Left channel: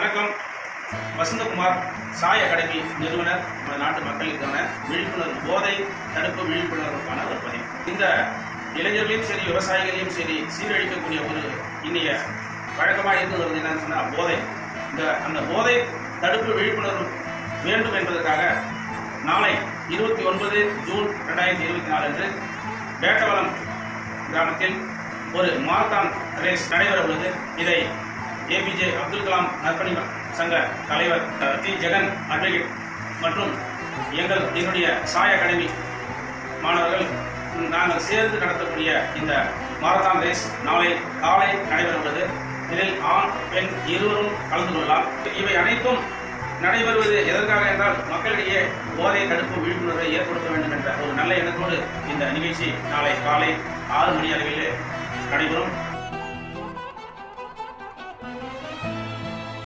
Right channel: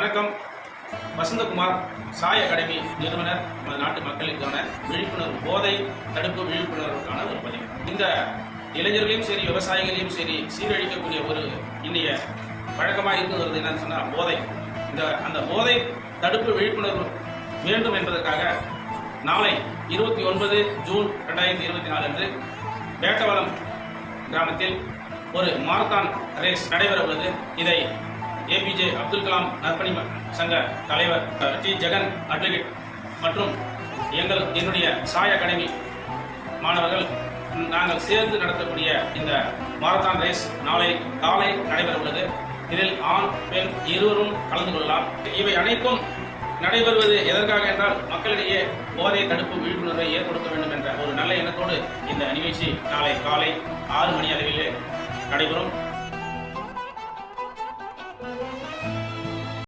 வணக்கம். வசந்தகுமார் சாய் அகாடமி நிறுவனர் நாட்டு மக்களுக்கான விழிப்புணர்வு, போதை தடுப்பு விழிப்புணர்வுக்கான ஒரு பதிவு. இந்த இளைஞர்களையும் சரி விவசாயிகளையும் சரி சீரழிக்கக்கூடிய ஒரு இன்னைய வழக்கமாக இருந்து வருது என்னன்னு சொன்னால் போதை. அந்த போதை தடுப்பு விழிப்புணர்வு வேண்டும் என்பதற்காக நாளை 29 ஜூன் 2024 அன்று வேட்டவலம் கிராமத்தில் ஒரு மாரத்தான் ரேஸ் நடைபெற உள்ளது. இதை ஏபிஜே அப்துல் கலாம் நற்பணி சங்க தலைவர் டி ஜெகன் அட்வொகேட் மற்றும் என்னுடைய சாய் அகாடமி மாணவர்கள் நாங்கள் சேர்ந்து நடத்தக்கூடிய இந்த மாரத்தான் ரேஸ் நாளை காலை நடைபெற உள்ளது. இதில் ஆண் பெண் இருவரும் கலந்து கொள்ளலாம். இவை அனைத்தும் நடைபெறுவது எதற்காக என்றால் மக்களிடையே போதை தடுப்பு விழிப்புணர்வை ஏற்படுத்த வேண்டும் என்ற ஒரு நல்ல எண்ணத்தோடு இந்த நிகழ்ச்சி நாளை காலை 6 மணி அளவிலே நடைபெறும்.